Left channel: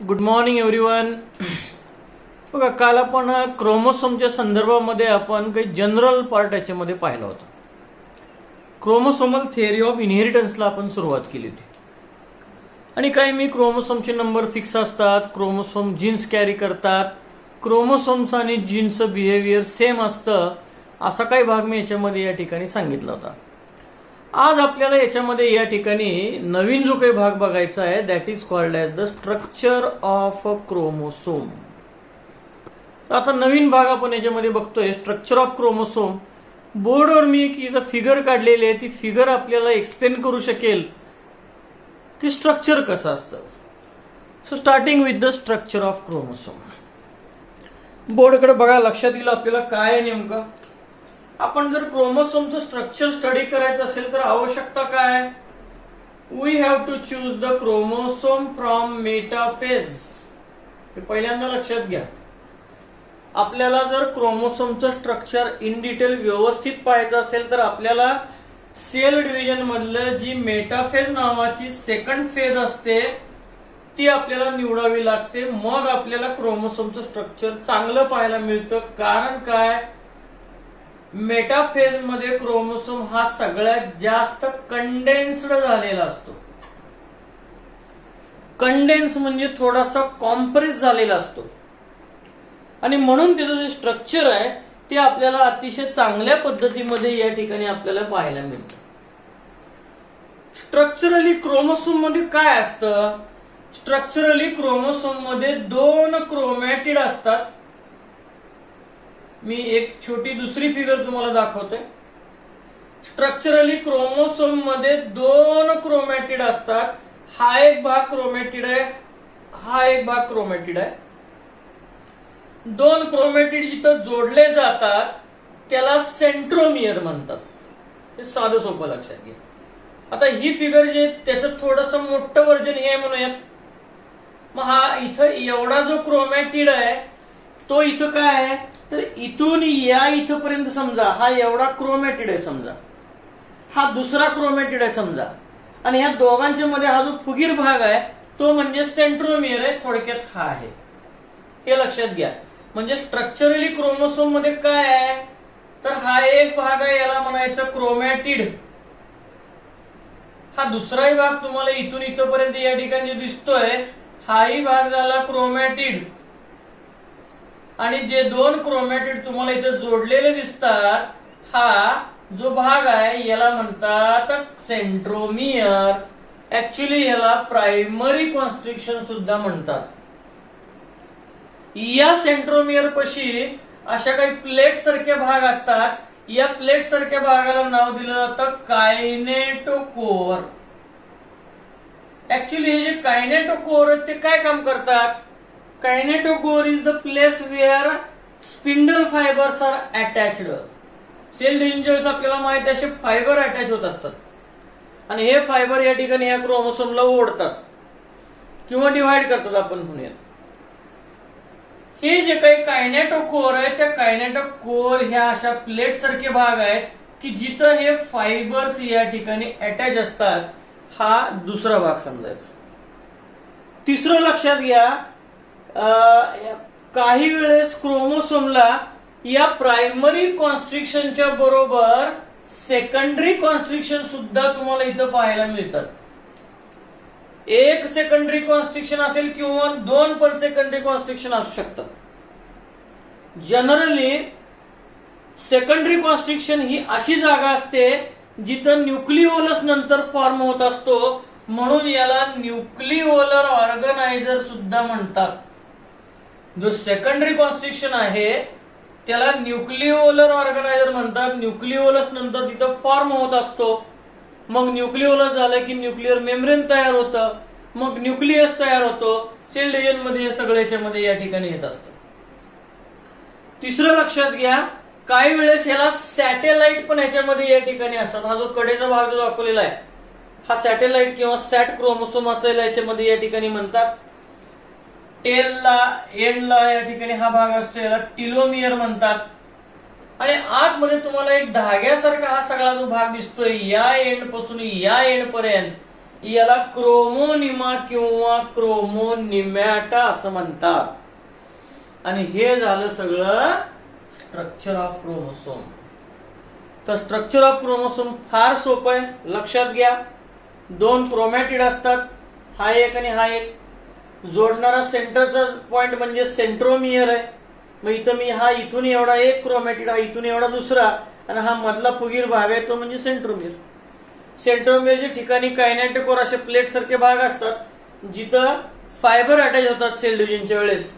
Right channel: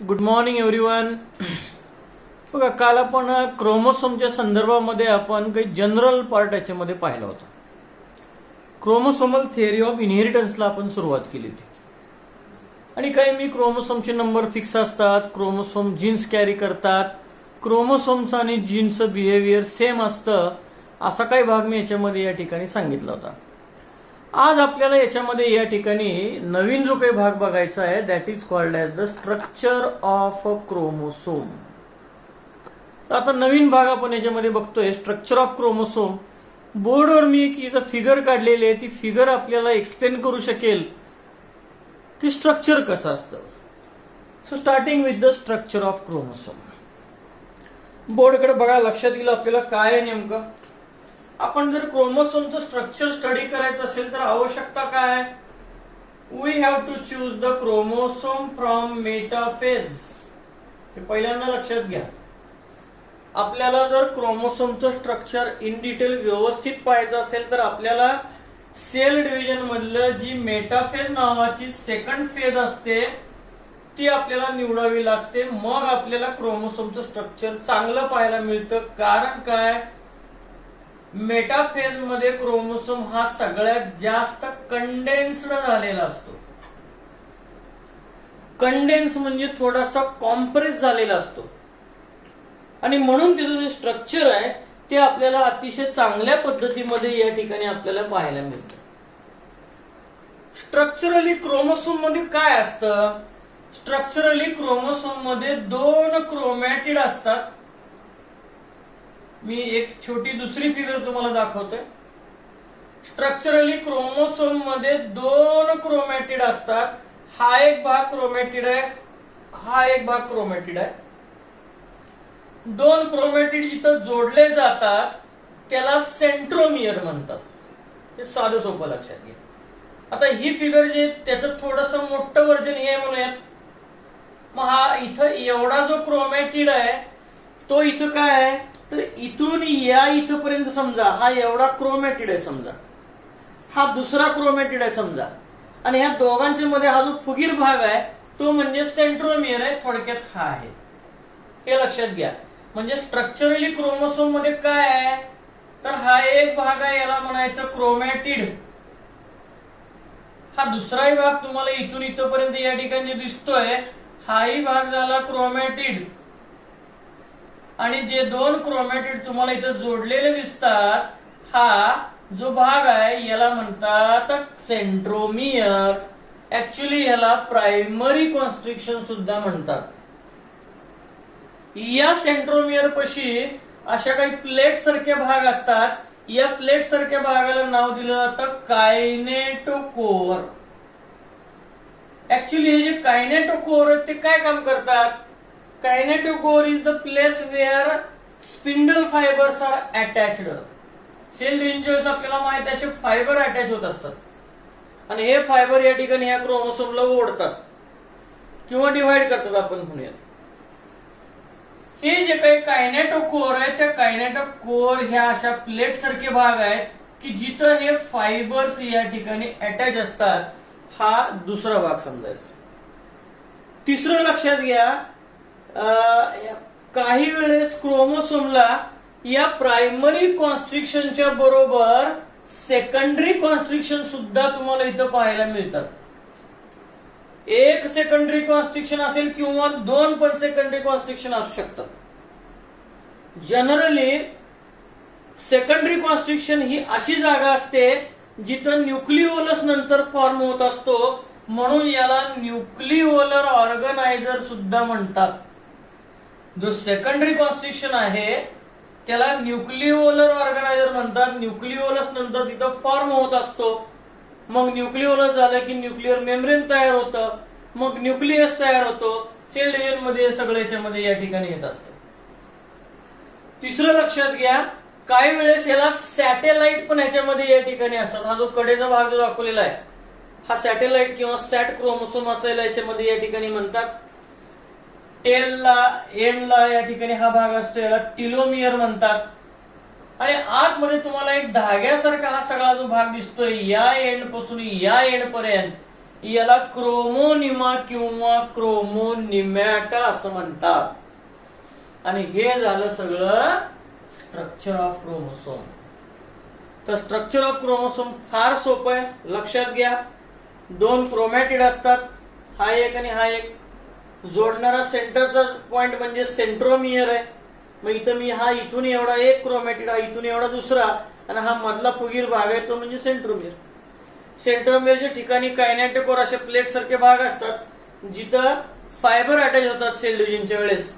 Good morning everyone. बघा, काल आपण क्रोमोसोमच्या संदर्भामध्ये आपण काही जनरल पार्ट याच्यामध्ये पाहिला होता. क्रोमोसोमल थिअरी ऑफ इनहेरिटन्सला आपण सुरुवात केली होती आणि काही मी क्रोमोसोमचे नंबर फिक्स असतात, क्रोमोसोम जीन्स कॅरी करतात, क्रोमोसोमचं आणि जीन्सचं बिहेवियर सेम असतं, असा काही भाग मी याच्यामध्ये या ठिकाणी सांगितला होता. आज आपल्याला याच्यामध्ये या ठिकाणी नवीन जो काही भाग बघायचा आहे, that is called as the structure of chromosome. आता नवीन भाग आपण याच्यामध्ये बघतोय, स्ट्रक्चर ऑफ क्रोमोसोम. बोर्डवर मी एक इथं फिगर काढलेली आहे, ती फिगर आपल्याला एक्सप्लेन करू शकेल की स्ट्रक्चर कसं असतं. So starting with the structure of chromosome. बोर्डकडे बघा, लक्षात येईल आपल्याला काय आहे नेमकं. आपण जर क्रोमोसोमचं स्ट्रक्चर स्टडी करायचं असेल तर आवश्यकता काय? We have to choose the chromosome from metaphase. ते पहिल्यांदा लक्षात घ्या. आपल्याला जर क्रोमोसोमचं स्ट्रक्चर इन डिटेल व्यवस्थित पाहायचं असेल तर आपल्याला सेल डिव्हिजन मधलं जी मेटाफेज नावाची सेकंड फेज असते ती आपल्याला निवडावी लागते. मग आपल्याला क्रोमोसोमचं स्ट्रक्चर चांगलं पाहायला मिळतं. कारण काय? मेटाफेज मध्ये क्रोमोसोम हा सगळ्यात जास्त कंडेन्स्ड झालेला असतो. कंडेन्स म्हणजे थोडासा कॉम्प्रेस झालेला असतो आणि म्हणून त्याचं जे स्ट्रक्चर आहे ते आपल्याला अतिशय चांगल्या पद्धतीमध्ये या ठिकाणी आपल्याला पाहायला मिळतं. स्ट्रक्चरली क्रोमोसोम मध्ये काय असतं? स्ट्रक्चरली क्रोमोसोम मध्ये दोन क्रोमॅटिड असतात. मी एक छोटी दुसरी फिगर तुम्हाला दाखवतोय. स्ट्रक्चरली क्रोमोसोम मध्ये दोन क्रोमॅटिड असतात. हा एक भाग क्रोमॅटिड आहे, हा एक भाग क्रोमॅटिड आहे. दोन क्रोमॅटिड जिथं जोडले जातात त्याला सेंट्रोमियर म्हणतात. हे साधं सोपं लक्षात घ्या. आता ही फिगर जे त्याचं थोडंसं मोठं व्हर्जन हे म्हणूयात. मग हा इथं एवढा जो क्रोमॅटिड आहे तो इथं काय आहे तर इथून या इथपर्यंत समजा हा एवढा क्रोमॅटिड आहे, समजा हा दुसरा क्रोमॅटिड आहे समजा, आणि ह्या दोघांच्या मध्ये हा जो फुगीर भाग आहे तो म्हणजे सेंट्रोमियर आहे. थोडक्यात हा आहे, हे लक्षात घ्या. म्हणजे स्ट्रक्चरली क्रोमोसोम मध्ये काय आहे तर हा एक भाग आहे, याला म्हणायचं क्रोमॅटिड. हा दुसराही भाग तुम्हाला इथून इथपर्यंत या ठिकाणी दिसतोय, हाही भाग झाला क्रोमॅटिड. आणि जे दोन क्रोमॅटिड तुम्हाला इथं जोडलेले दिसतात, हा जो भाग आहे याला म्हणतात सेंट्रोमियर. ऍक्च्युली याला प्रायमरी कॉन्स्ट्रिक्शन सुद्धा म्हणतात. या सेंट्रोमियर पशी अशा काही प्लेट सारखे भाग असतात. या प्लेट सारख्या भागाला नाव दिलं जातं कायनेटोकोर. ऍक्च्युली हे जे कायनेटोकोर आहेत ते काय काम करतात? Kinetochore is the place where spindle fibres are attached. Cell division आपल्याला माहिती आहे, असे फायबर अटॅच होत असतात आणि हे फायबर या ठिकाणी ह्या क्रोमोसोमला ओढतात किंवा डिव्हाइड करतात आपण म्हणूया. हे जे काही कायनेटोकोर आहे त्या कायनेटोकोर ह्या अशा प्लेट सारखे भाग आहेत की जिथं हे फायबर्स या ठिकाणी अटॅच असतात. हा दुसरा भाग समजायचा. तिसरं लक्षात घ्या, काही वेळेस क्रोमोसोमला या प्रायमरी कॉन्स्ट्रिक्शनच्या बरोबर सेकंडरी कॉन्स्ट्रिक्शन सुद्धा तुम्हाला इथं पाहायला मिळतात. एक सेकंडरी कॉन्स्ट्रिक्शन असेल किंवा दोन पण सेकंडरी कॉन्स्ट्रिक्शन असू शकतात. जनरली सेकंडरी कॉन्स्ट्रिक्शन ही अशी जागा असते जिथं न्यूक्लिओलस नंतर फॉर्म होत असतो, म्हणून याला न्यूक्लिओलर ऑर्गनायझर सुद्धा म्हणतात. जो सेकंडरी कॉन्स्ट्रिक्शन आहे त्याला न्यूक्लिओलर ऑर्गनायझर म्हणतात. न्यूक्लिओलस नंतर तिथं फॉर्म होत असतो. मग न्यूक्लिओलस झालं की न्यूक्लिअर मेम्ब्रेन तयार होतं, मग न्यूक्लियस तयार होतो. सेल डिव्हिजन मध्ये हे सगळं याच्यामध्ये या ठिकाणी येत असतं. तिसरं लक्षात घ्या, काही वेळेस याला सॅटेलाइट पण याच्यामध्ये या ठिकाणी असतात. हा जो कडेचा भाग जो दाखवलेला आहे हा सॅटेलाइट किंवा सॅट क्रोमोसोम असेल याच्यामध्ये या ठिकाणी म्हणतात. टेलला एंडला या ठिकाणी हा भाग असतो, याला टिलोमियर म्हणतात. आणि आतमध्ये तुम्हाला एक धाग्यासारखा हा सगळा जो भाग दिसतोय या एंड पासून या एंड पर्यंत, याला क्रोमोनिमा किंवा क्रोमोनिमॅटा असं म्हणतात. आणि हे झालं सगळं स्ट्रक्चर ऑफ क्रोमोसोम. तर स्ट्रक्चर ऑफ क्रोमोसोम फार सोपं आहे, लक्षात घ्या. 2 क्रोमॅटिड असतात, हा एक आणि हा एक. जोडणारा सेंटरचा पॉइंट म्हणजे सेंट्रोमियर आहे. मग इथं मी हा इथून एवढा एक क्रोमॅटिड, हा इथून एवढा दुसरा, आणि हा मधला फुगीर भाग आहे तो म्हणजे सेंट्रोमियर. सेंट्रोमियरच्या ठिकाणी कायनेटिकोर असे प्लेट सारखे भाग असतात जिथं फायबर अटॅच होतात सेल डिव्हिजनच्या वेळेस.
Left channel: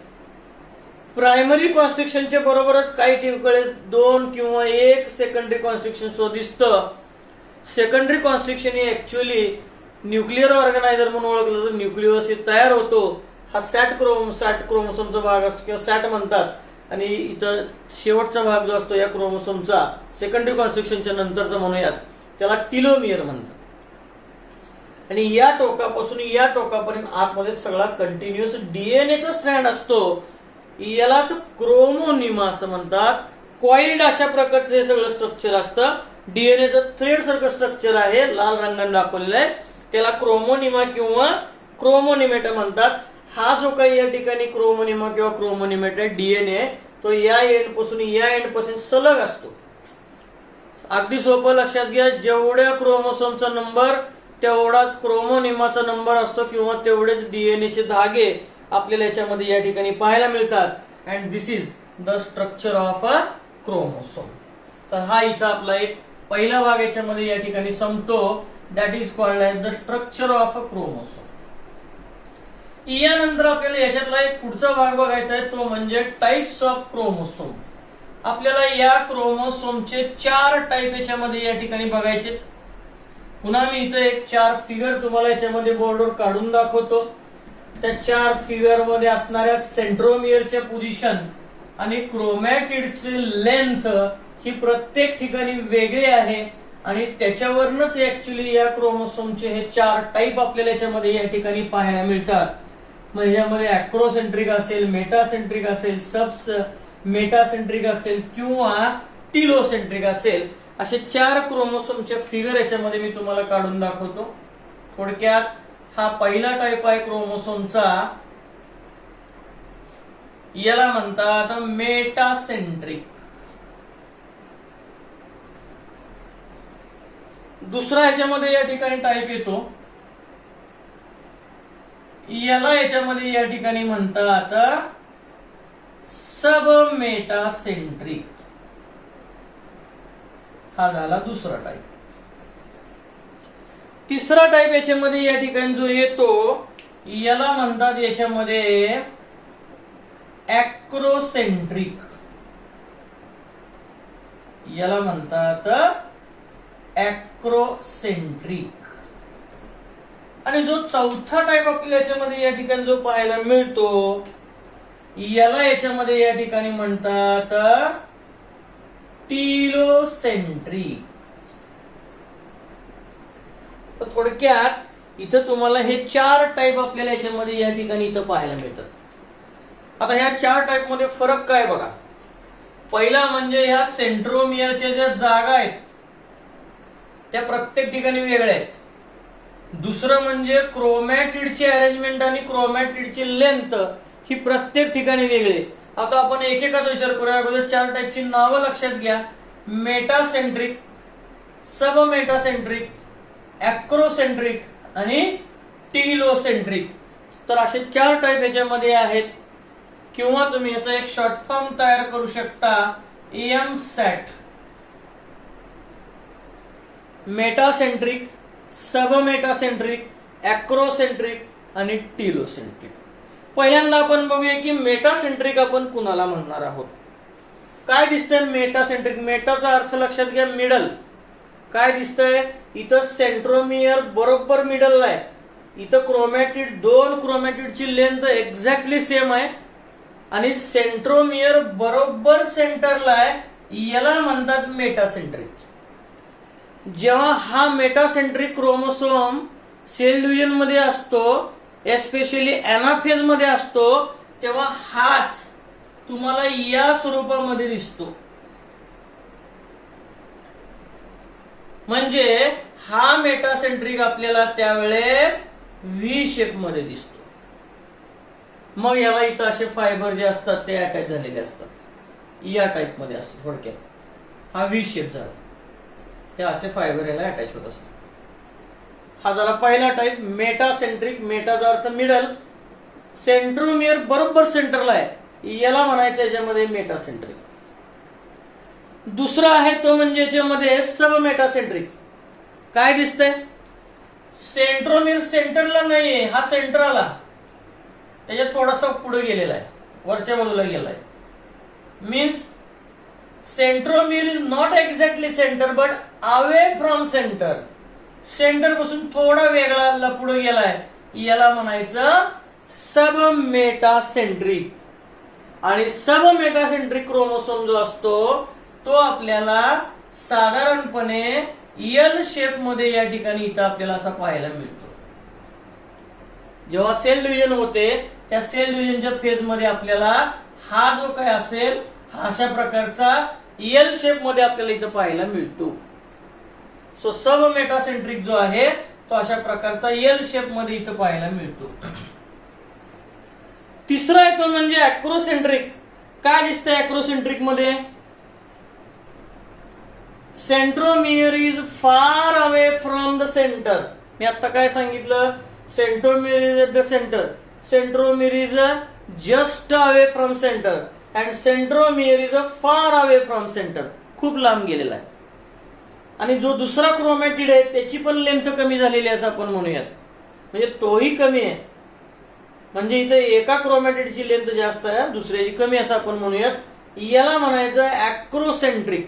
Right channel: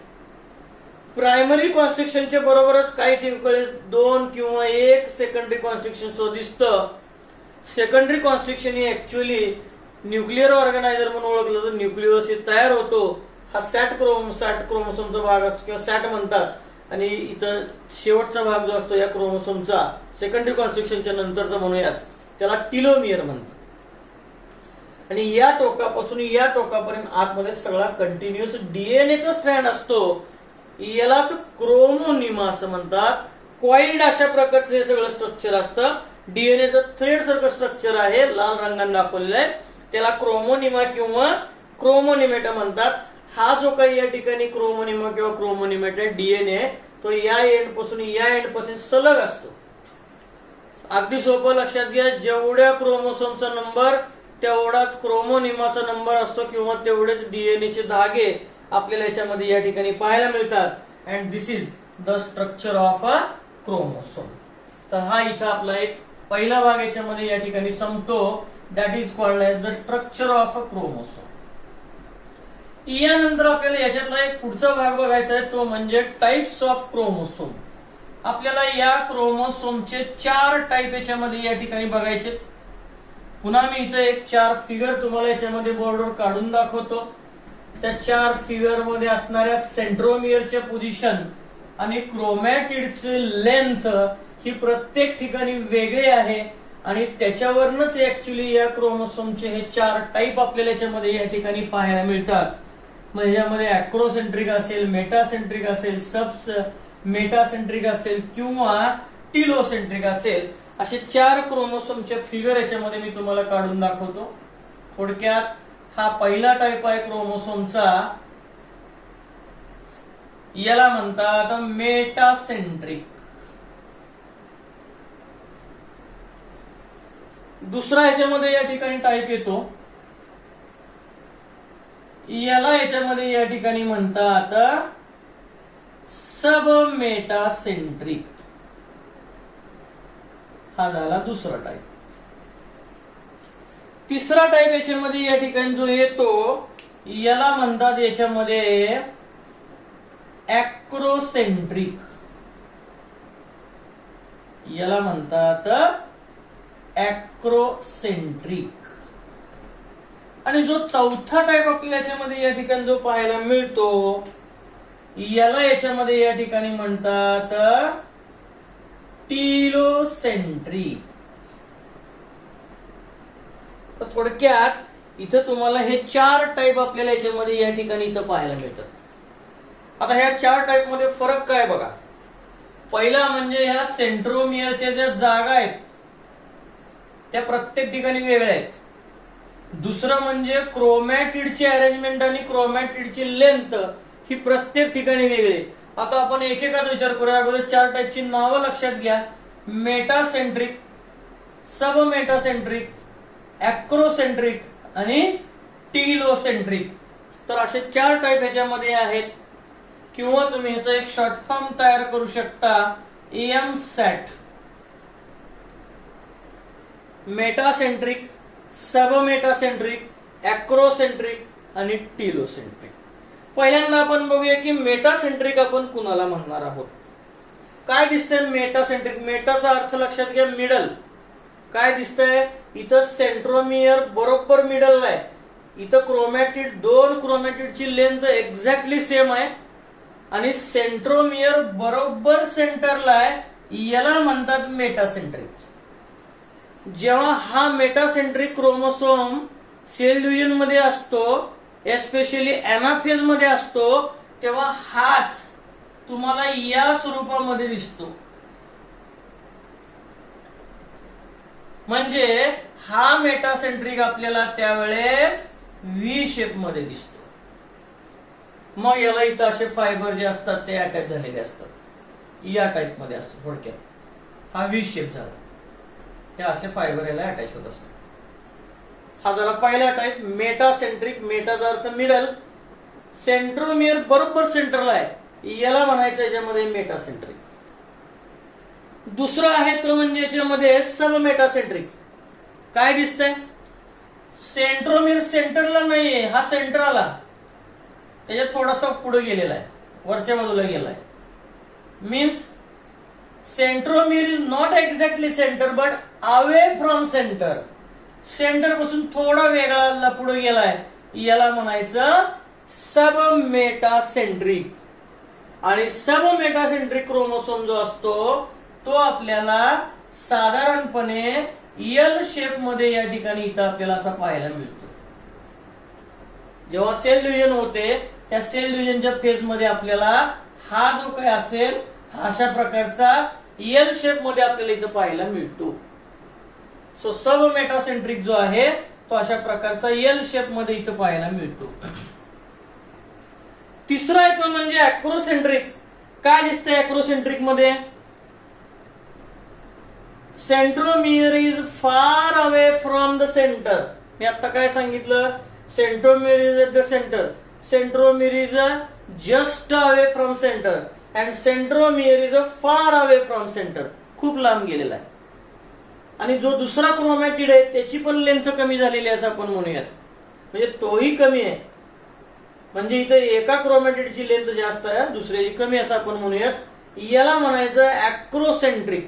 प्रायमरी कॉन्स्ट्रिक्शनच्या बरोबरच काही ठिकाणी 2 किंवा 1 सेकंडरी कॉन्स्ट्रिक्शन दिसतं. सेकंडरी कॉन्स्ट्रिक्शन हे ऍक्च्युअली न्यूक्लिअर ऑर्गनायझर म्हणून ओळखलं जातं. न्यूक्लियस तयार होतो, हा सॅट क्रोमोसोमचा भाग असतो किंवा सॅट म्हणतात. आणि इथं शेवटचा भाग जो असतो या क्रोमोसोमचा सेकंडरी कॉन्स्ट्रिक्शनच्या नंतरचा म्हणूयात, त्याला टिलोमियर म्हणतात. आणि या टोकापासून या टोकापर्यंत आतमध्ये सगळा कंटिन्युअस डीएनएचा स्ट्रँड असतो. यालाच क्रोमोनिमा असं म्हणतात. कॉइल्ड अशा प्रकारचं हे सगळं स्ट्रक्चर असतं. डीएनएचं थ्रेड सारखं स्ट्रक्चर आहे, लाल रंगाने दाखवलेलं आहे, त्याला क्रोमोनिमा किंवा क्रोमोनिमेटा म्हणतात. हा जो काही या ठिकाणी क्रोमोनिमा किंवा क्रोमोनिमेटा डीएनए तो या एंड पासून सलग असतो. अगदी सोपं लक्षात घ्या, जेवढ्या क्रोमोसोमचा नंबर तेवढाच क्रोमोनिमाचा नंबर असतो किंवा तेवढेच डीएनएचे धागे आपल्याला याच्यामध्ये या ठिकाणी पाहायला मिळतात. And this is the structure of a chromosome. तर हा इथं आपला एक पहिला भाग याच्यामध्ये या ठिकाणी संपतो. That is called as the structure of a chromosome. यानंतर आपल्याला याच्यातला एक पुढचा भाग बघायचा आहे, तो म्हणजे टाइप्स ऑफ क्रोमोसोम. आपल्याला या क्रोमोसोमचे 4 टाइप याच्यामध्ये या ठिकाणी बघायचे. पुन्हा मी इथं एक 4 फिगर तुम्हाला याच्यामध्ये बोर्डवर काढून दाखवतो. त्या 4 फिगर मध्ये असणाऱ्या सेंट्रोमियरच्या पोझिशन आणि क्रोमॅटिडचे लेंथ ही प्रत्येक ठिकाणी वेगळी आहे. आणि त्याच्यावरच ऍक्च्युली या क्रोमोसोमचे हे 4 टाइप आपल्याला याच्यामध्ये या ठिकाणी पाहायला मिळतात. मग याच्यामध्ये अॅक्रोसेंट्रिक असेल, मेटासेंट्रिक असेल, सब मेटासेंट्रिक असेल किंवा टिलोसेंट्रिक असेल, असे 4 क्रोमोसोमचे फिगर याच्यामध्ये मी तुम्हाला काढून दाखवतो. थोडक्यात हा पहिला टाइप आहे क्रोमोसोमचा, याला म्हणतात मेटासेंट्रिक. दुसरा याच्यामध्ये या ठिकाणी टाइप येतो, याला याच्यामध्ये या ठिकाणी म्हणतात सब मेटासेंट्रिक. हा झाला दुसरा टाइप. तिसरा टाइप याच्यामध्ये या ठिकाणी जो येतो याला म्हणतात याच्यामध्ये अॅक्रोसेंट्रिक. याला म्हणतात अॅक्रोसेंट्रिक. आणि जो चौथा टाइप आपल्याला याच्यामध्ये या ठिकाणी जो पाहायला मिळतो याला याच्यामध्ये या ठिकाणी म्हणतात टिलोसेंट्रिक. थोडक्यात इथं तुम्हाला हे 4 टाइप आपल्याला याच्यामध्ये या ठिकाणी इथं पाहायला मिळतात. आता ह्या 4 टाइप मध्ये फरक काय बघा. पहिला म्हणजे ह्या सेंट्रोमियरच्या ज्या जागा आहेत त्या प्रत्येक ठिकाणी वेगळ्या आहेत. दुसरं म्हणजे क्रोमॅटिडची अरेंजमेंट आणि क्रोमॅटिडची लेंथ ही प्रत्येक ठिकाणी वेगळी. आता आपण एकेकाचा विचार करूया. अगोदर 4 टाइपची नावं लक्षात घ्या. मेटासेंट्रिक, सब मेटासेंट्रिक, अॅक्रोसेंट्रिक आणि टिलोसेंट्रिक. तर असे 4 टाइप याच्यामध्ये आहेत. किंवा तुम्ही ह्याचा एक शॉर्ट फॉर्म तयार करू शकता, एमसॅट. मेटासेंट्रिक, सब मेटासेंट्रिक, अॅक्रोसेंट्रिक आणि टिलोसेंट्रिक. पहिल्यांदा आपण बघूया की मेटासेंट्रिक आपण कुणाला म्हणणार आहोत. काय दिसतंय मेटासेंट्रिक? मेटाचा अर्थ लक्षात घ्या, मिडल. काय दिसतंय इथं? सेंट्रोमियर बरोबर मिडल आहे. इथं क्रोमॅटिड, 2 क्रोमॅटिडची लेंथ एक्झॅक्टली सेम आहे आणि सेंट्रोमियर बरोबर सेंटरला आहे. याला म्हणतात मेटासेंट्रिक. जेव्हा हा मेटासेंट्रिक क्रोमोसोम सेल डिव्हिजन मध्ये असतो, एस्पेशली एनाफेज मध्ये असतो, तेव्हा हाच तुम्हाला या स्वरूपामध्ये दिसतो. म्हणजे हा मेटासेंट्रिक आपल्याला त्यावेळेस व्ही शेप मध्ये दिसतो. मग याला इथं असे फायबर जे असतात ते अटॅच झालेले असतात, या टाइप मध्ये असतो. थोडक्यात हा व्ही शेप झाला, हे असे फायबर याला अटॅच होत असतात. हा झाला पहिला टाइप मेटासेंट्रिक. मेटाचा अर्थ मिडल, सेंट्रोमियर बरोबर सेंटरला आहे, याला म्हणायचं याच्यामध्ये मेटासेंट्रिक. दुसरा आहे तो म्हणजे याच्यामध्ये सब मेटासेंट्रिक. काय दिसतंय? सेंट्रोमियर सेंटरला नाहीये, हा सेंटरला त्याच्यात थोडासा पुढे गेलेला आहे, वरच्या बाजूला गेलाय. Means centromere is not exactly centre but away from centre. Centre पासून थोडा वेगळा पुढे गेलाय, याला म्हणायचं सब मेटासेंट्रिक. आणि सब मेटासेंट्रिक क्रोमोसोम जो असतो तो आपल्याला साधारणपणे एल शेप मध्ये या ठिकाणी इथं आपल्याला असा पाहायला मिळतो. जेव्हा सेल डिव्हिजन होते त्या सेल डिव्हिजनच्या फेज मध्ये आपल्याला हा जो काय असेल हा अशा प्रकारचा एल शेप मध्ये आपल्याला इथं पाहायला मिळतो. सो सब मेटासेंट्रिक जो आहे तो अशा प्रकारचा एल शेप मध्ये इथं पाहायला मिळतो. तिसरा आहे तो म्हणजे अॅक्रोसेंट्रिक. काय दिसतंय अॅक्रोसेंट्रिक मध्ये? Centromere is far away from the center. मी आता काय सांगितलं? Centromere is at the center, centromere is just away from centre and centromere is far away from center. खूप लांब गेलेला आहे. आणि जो दुसरा क्रोमॅटिड आहे त्याची पण लेंथ कमी झालेली आहे असं आपण म्हणूयात, म्हणजे तोही कमी आहे. म्हणजे इथे एका क्रोमॅटिडची लेंथ जास्त आहे, दुसऱ्याची कमी असं आपण म्हणूयात. याला म्हणायचं अॅक्रोसेंट्रिक.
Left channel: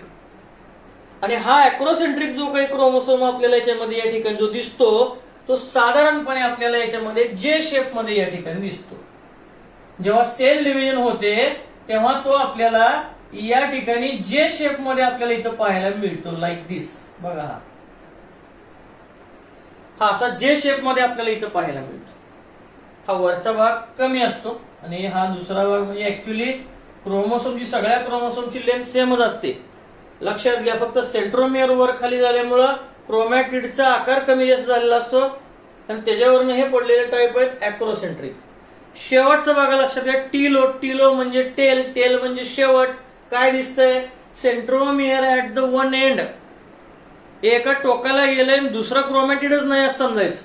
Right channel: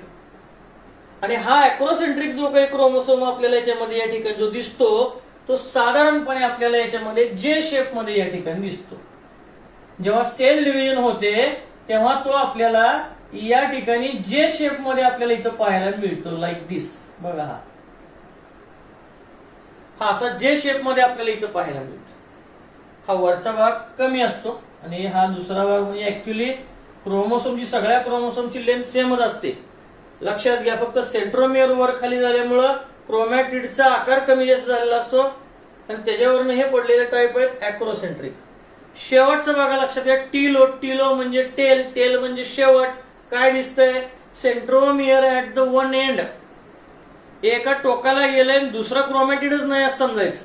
आणि हा अॅक्रोसेंट्रिक जो काही क्रोमोसोम आपल्याला याच्यामध्ये या ठिकाणी जो दिसतो तो साधारणपणे आपल्याला याच्यामध्ये जे शेप मध्ये या ठिकाणी दिसतो. जेव्हा सेल डिव्हिजन होते तेव्हा तो आपल्याला या ठिकाणी जे शेप मध्ये आपल्याला इथं पाहायला मिळतो, लाईक दिस. बघा हा असा जे शेप मध्ये आपल्याला इथं पाहायला मिळतो. हा वरचा भाग कमी असतो आणि हा दुसरा भाग म्हणजे ऍक्च्युली क्रोमोसोमची सगळ्या क्रोमोसोमची लेंथ सेमच असते. लक्षात घ्या, फक्त सेंट्रोमियर वर खाली झाल्यामुळं क्रोमॅटिडचा आकार कमी जास्त झालेला असतो आणि त्याच्यावरनं हे पडलेले टाईप आहेत अॅक्रोसेंट्रिक. शेवटचा भाग लक्षात घ्या, टीलो. टीलो म्हणजे टेल, टेल म्हणजे शेवट. काय दिसतंय? Centromere at the one end. एका टोकाला गेलंय दुसरा क्रोमॅटिडच नाही असं समजायचं.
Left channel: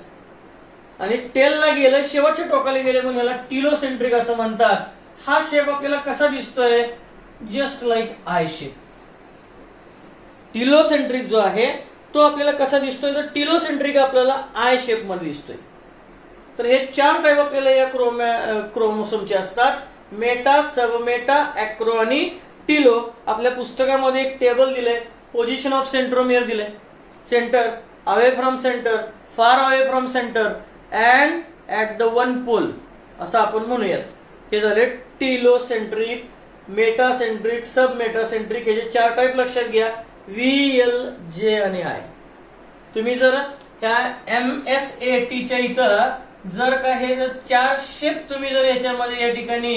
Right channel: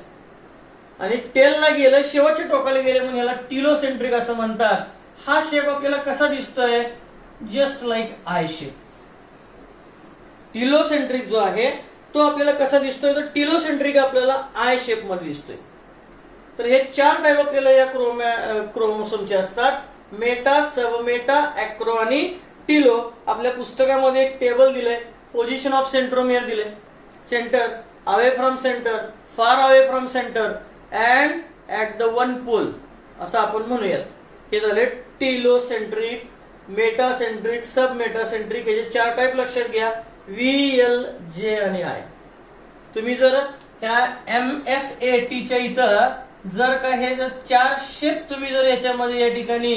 आणि टेलला गेलं, शेवटच्या टोकाला गेले म्हणून याला टीलोसेंट्रिक असं म्हणतात. हा शेप आपल्याला कसा दिसतोय? Just like I shape. Telocentric जो आहे तो आपल्याला कसा दिसतोय? तर टीलोसेंट्रिक आपल्याला आय शेप मध्ये दिसतोय. तर हे चार टाईप आपल्याला या क्रोमोसोमचे असतात: मेटा, सबमेटा, अॅक्रो आणि टीलो. आपल्या पुस्तकामध्ये एक टेबल दिलंय, पोझिशन ऑफ सेंट्रोमियर दिलंय. Centre, away from centre, far away from centre and at the one pole असं आपण म्हणूयात. हे झाले टीलोसेंट्रिक, मेटासेंट्रिक, सब मेटासेंट्रिक. हे चार टाईप लक्षात घ्या: व्ही, एल, जे आणि आय. तुम्ही जर त्या MSATच्या इथं जर का हे जर चार शेप तुम्ही जर याच्यामध्ये या ठिकाणी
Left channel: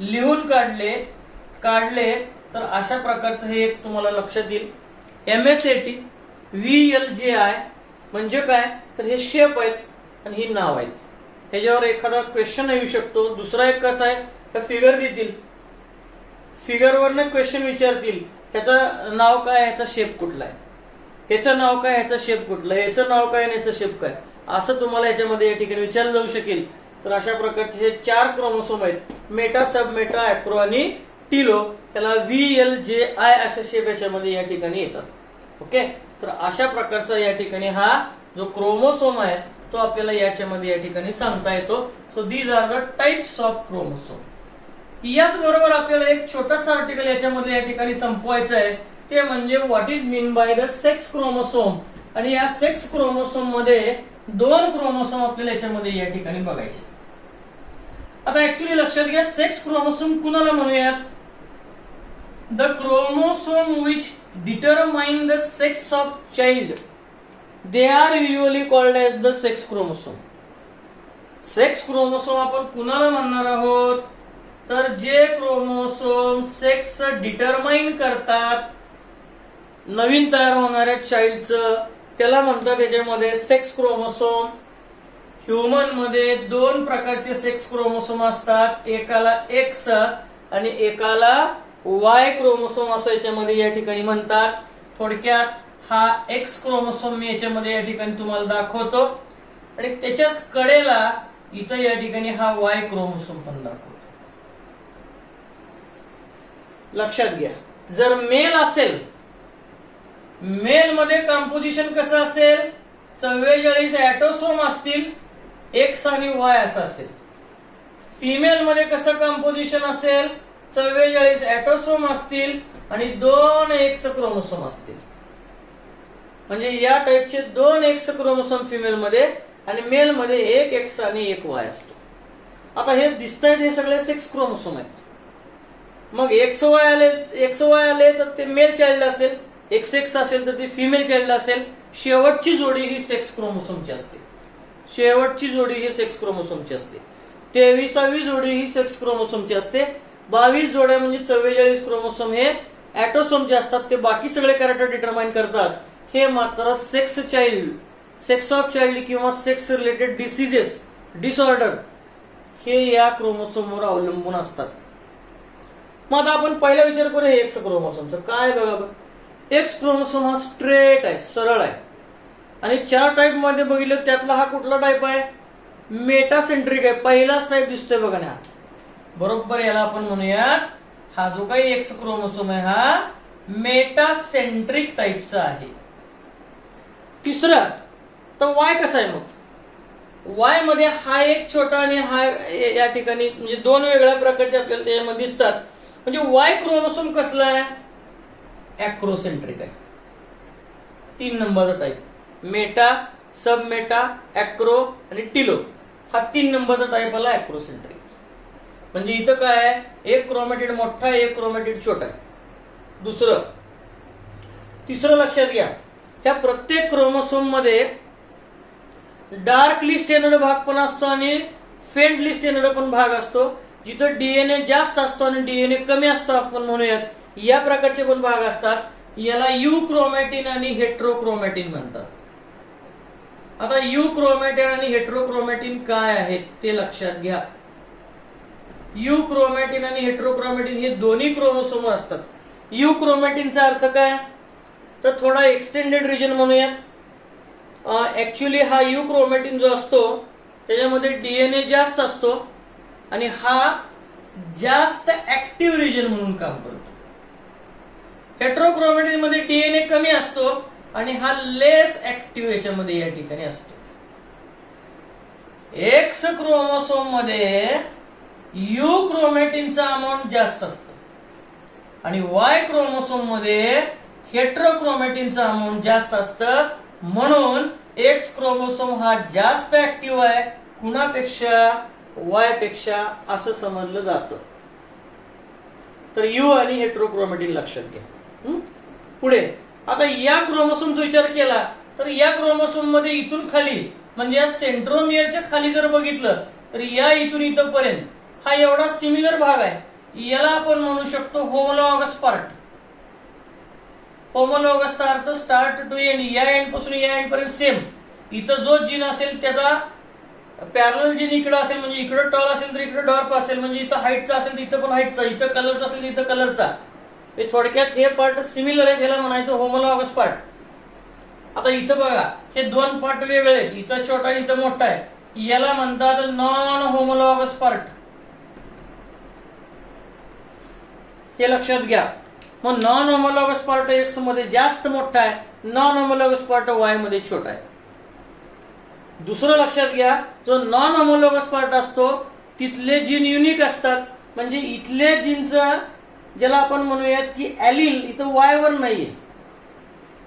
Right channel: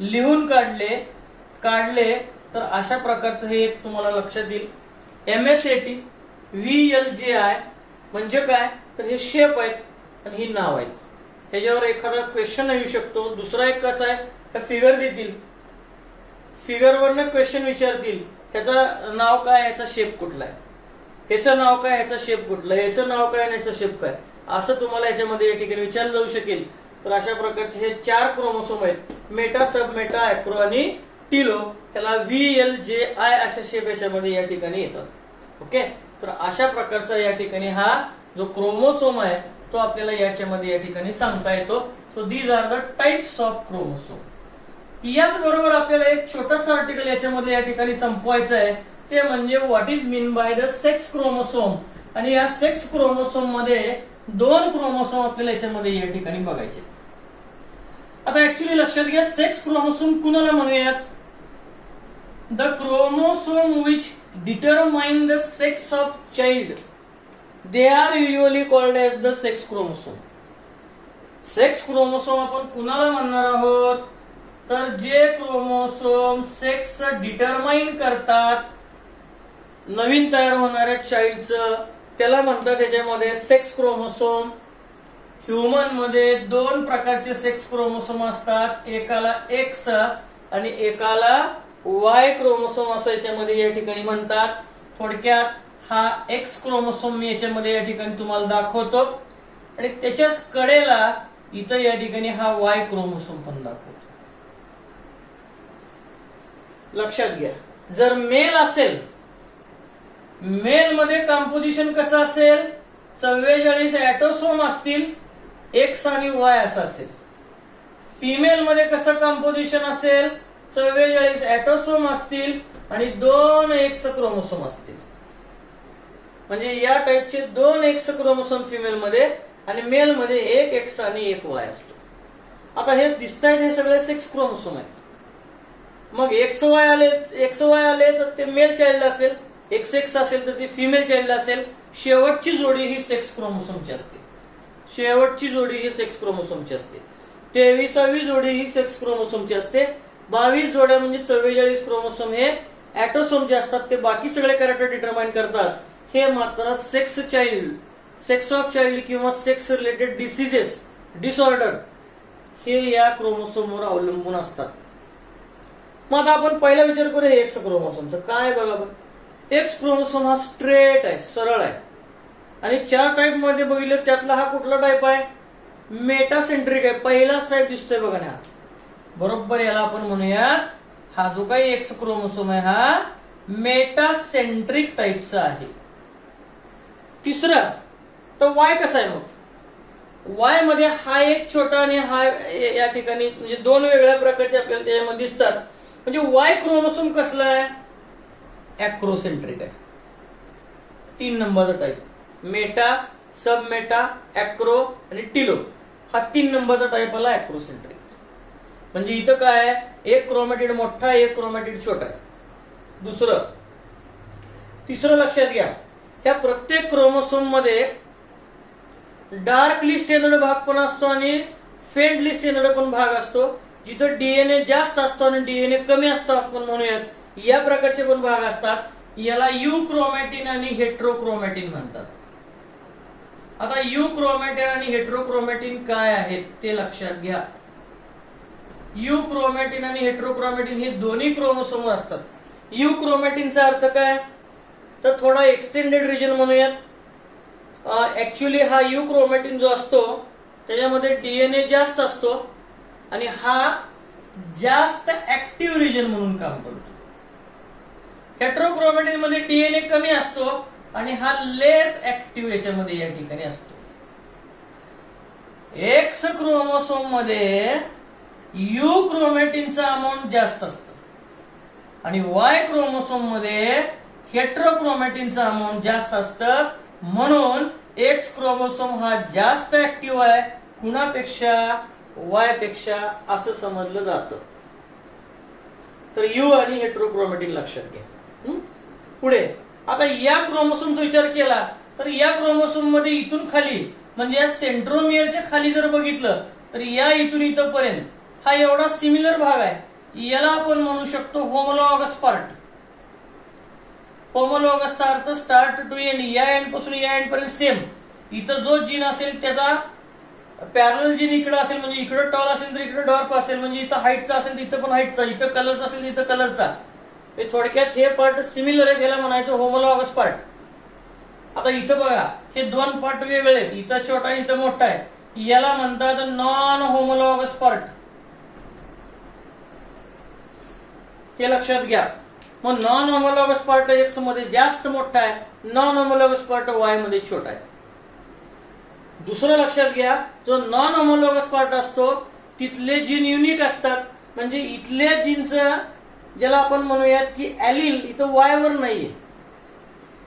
लिहून काढले तर अशा प्रकारचं हे एक तुम्हाला लक्षात येईल. MSAT, VLGI म्हणजे काय? तर हे शेप आहेत आणि ही नाव आहेत. ह्याच्यावर एखादा क्वेश्चन येऊ शकतो. दुसरा एक कसा आहे, तर फिगर देतील, फिगरवरनं क्वेश्चन विचारतील, ह्याचं नाव काय, ह्याचा शेप कुठला आहे, ह्याचं नाव काय, ह्याचा शेप कुठला आहे, ह्याचं नाव काय आणि ह्याचा शेप काय, असं तुम्हाला याच्यामध्ये या ठिकाणी विचारलं जाऊ शकेल. तर अशा प्रकारचे हे चार क्रोमोसोम आहेत: मेटा, सबमेटा, अॅक्रो आणि टीलो. त्याला VLJI अशा शेप याच्यामध्ये या ठिकाणी येतात. ओके, तर अशा प्रकारचा या ठिकाणी हा जो क्रोमोसोम आहे तो आपल्याला याच्यामध्ये या ठिकाणी सांगता येतो. So these are the types of chromosome. याच बरोबर आपल्याला एक छोटासा आर्टिकल याच्यामध्ये या ठिकाणी संपवायचं आहे, ते म्हणजे what is mean by the sex chromosome. आणि या सेक्स क्रोमोसोम मध्ये दोन क्रोमोसोम आपल्याला याच्यामध्ये या ठिकाणी बघायचे. आता ऍक्च्युली लक्षात घ्या, सेक्स क्रोमोसोम कुणाला म्हणूयात? The chromosome which determine the sex of child, they are usually called as the sex chromosome. Sex chromosome आपण कुणाला म्हणणार आहोत? तर जे क्रोमोसोम सेक्स डिटरमाइन करतात, नवीन तयार होणाऱ्या चाइल्डचं त्याला म्हणतात त्याच्यामध्ये सेक्स क्रोमोसोम. ह्युमन मध्ये 2 प्रकारचे सेक्स क्रोमोसोम असतात, एकाला एक्स आणि एकाला वाय क्रोमोसोम असं याच्यामध्ये या ठिकाणी म्हणतात. थोडक्यात हा एक्स क्रोमोसोम मी याच्यामध्ये या ठिकाणी तुम्हाला दाखवतो आणि त्याच्याच कडेला इथं या ठिकाणी हा वाय क्रोमोसोम पण दाखवतो. लक्षात घ्या, जर मेल असेल, मेल मध्ये कंपोजिशन कसं असेल, 44 ऍटोसोम असतील, एक्स आणि वाय असं असेल. फिमेल मध्ये कसं कंपोजिशन असेल, 44 ऍटोसोम असतील आणि 2 एक्स क्रोमोसोम असतील. म्हणजे या टाइपचे 2 एक्स क्रोमोसोम फिमेल मध्ये आणि मेल मध्ये 1 एक्स आणि 1 वाय असतो. आता हे दिसतायत हे सगळे सेक्स क्रोमोसोम आहेत. मग एक्स वाय आले तर ते मेल चाइल्ड असेल, एक्स असेल तर ते फिमेल चाइल्ड असेल. शेवटची जोडी ही सेक्स क्रोमोसोमची असते. शेवटची जोडी ही सेक्स क्रोमोसोमची असते. 23वी जोडी ही सेक्स क्रोमोसोमची असते. 22 जोड्या म्हणजे 44 क्रोमोसोम हे ऍटोसोमचे असतात. ते बाकी सगळे कॅरेक्टर डिटरमाइन करतात. हे मात्र sex child, sex of child किंवा सेक्स रिलेटेड डिसीजेस, डिसऑर्डर हे या क्रोमोसोमवर अवलंबून असतात. मग आता आपण पहिला विचार करूया एक्स क्रोमोसोमचा. काय बघा, एक्स क्रोमोसोम हा स्ट्रेट आहे, सरळ आहे आणि 4 टाइप मध्ये बघितलं त्यातला हा कुठला टाइप आहे, मेटासेंट्रिक आहे. पहिलाच टाइप दिसतोय बघा ना, बरोबर. याला आपण म्हणूयात हा जो काही एक्स क्रोमोसोम आहे हा मेटासेंट्रिक टाइपचा आहे. तिसरा तर वाय कसा आहे, मग वाय मध्ये हा एक छोटा आणि हा या ठिकाणी म्हणजे 2 वेगळ्या प्रकारचे आपल्याला त्याच्यामध्ये दिसतात. म्हणजे वाय क्रोमोसोम कसला आहे, ऍक्रोसेंट्रिक आहे. 3 नंबरचा टाइप, मेटा, सब मेटा, ऍक्रो आणि टिलो, हा 3 नंबरचा टाइप आला ऍक्रोसेंट्रिक. म्हणजे इथं काय आहे, एक क्रोमॅटिड मोठा आहे, एक क्रोमॅटिड छोटा आहे. तिसरं लक्षात घ्या, ह्या प्रत्येक क्रोमोसोम मध्ये डार्कली स्टेनर्ड भाग पण असतो आणि फेंटली स्टेनर्ड पण भाग असतो. जिथं डीएनए जास्त असतो आणि डीएनए कमी असतो आपण म्हणूयात, या प्रकारचे पण भाग असतात. याला यू क्रोमॅटिन आणि हेट्रोक्रोमॅटिन म्हणतात. आता यू क्रोमॅटिन आणि हेट्रोक्रोमॅटिन काय आहेत ते लक्षात घ्या. यू क्रोमॅटिन आणि हेट्रोक्रोमॅटिन हे दोन्ही क्रोमोसोम असतात. यू क्रोमॅटिनचा अर्थ काय, तर थोडा एक्सटेंडेड रिजन म्हणूयात. ऍक्च्युअली हा यू क्रोमॅटिन जो असतो त्याच्यामध्ये डीएनए जास्त असतो आणि हा जास्त ऍक्टिव्ह रिजन म्हणून काम करतो. हेट्रोक्रोमॅटिन मध्ये डीएनए कमी असतो आणि हा लेस ऍक्टिव्ह याच्यामध्ये या ठिकाणी असतो. एक्स क्रोमोसोम मध्ये यू क्रोमॅटिनचा अमाऊंट जास्त असतं आणि वाय क्रोमोसोम मध्ये हेट्रोक्रोमॅटिनचा अमाऊंट जास्त असतं. म्हणून एक्स क्रोमोसोम हा जास्त ऍक्टिव्ह आहे कुणापेक्षा, वाय पेक्षा, असं समजलं जातं. तर यू आणि हेट्रोक्रोमॅटिन लक्षात घ्या. पुढे आता या क्रोमोसोमचा विचार केला तर या क्रोमोसोम मध्ये इथून खाली म्हणजे या सेंट्रोमियरच्या खाली जर बघितलं तर या इथून इथपर्यंत हा एवढा सिमिलर भाग आहे. याला आपण म्हणू शकतो होमोलॉगस पार्ट. होमोलॉगसचा अर्थ स्टार्ट टू एंड, या एंड पासून या एंड पर्यंत सेम. इथं जो जीन असेल त्याचा पॅरलल जीन इकडे असेल, म्हणजे इकडे टॉल असेल तर इकडे डॉर्फ असेल, म्हणजे इथं हाईटचा असेल तर इथं पण हाईटचा, इथं कलरचा असेल तर इथं कलरचा. हे थोडक्यात हे पार्ट सिमिलर आहे, ह्याला म्हणायचं होमोलॉगस पार्ट. आता इथं बघा हे 2 पार्ट वेगळे आहेत, इथं छोटा आहे इथं मोठा आहे, याला म्हणतात नॉन होमोलॉगस पार्ट. हे लक्षात घ्या. मग नॉन होमोलॉगस पार्ट एक्स मध्ये जास्त मोठा आहे, नॉन होमोलॉगस पार्ट वाय मध्ये छोटा आहे. दुसरं लक्षात घ्या, जो नॉन होमोलॉगस पार्ट असतो तिथले जीन युनिक असतात. म्हणजे इथल्या जीनचं ज्याला आपण म्हणूयात की ॲलिल इथं वाय वर नाहीये.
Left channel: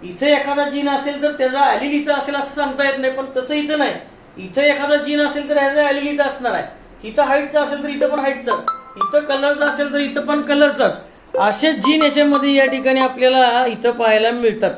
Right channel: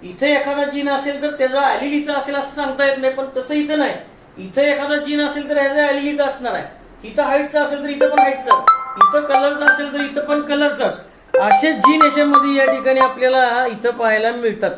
इथे एखादा जीन असेल तर त्याचा ॲलिल इथं असेल असं सांगता येत नाही, पण तसं इथं नाही. इथं एखादा जीन असेल तर ह्याचा ॲलिल इथं असणार आहे. इथं हाईटचा असेल तर इथं पण हाईटचाच, इथं कलरचा असेल तर इथं पण कलरचाच. असे जीन याच्यामध्ये या ठिकाणी आपल्याला इथं पाहायला मिळतात.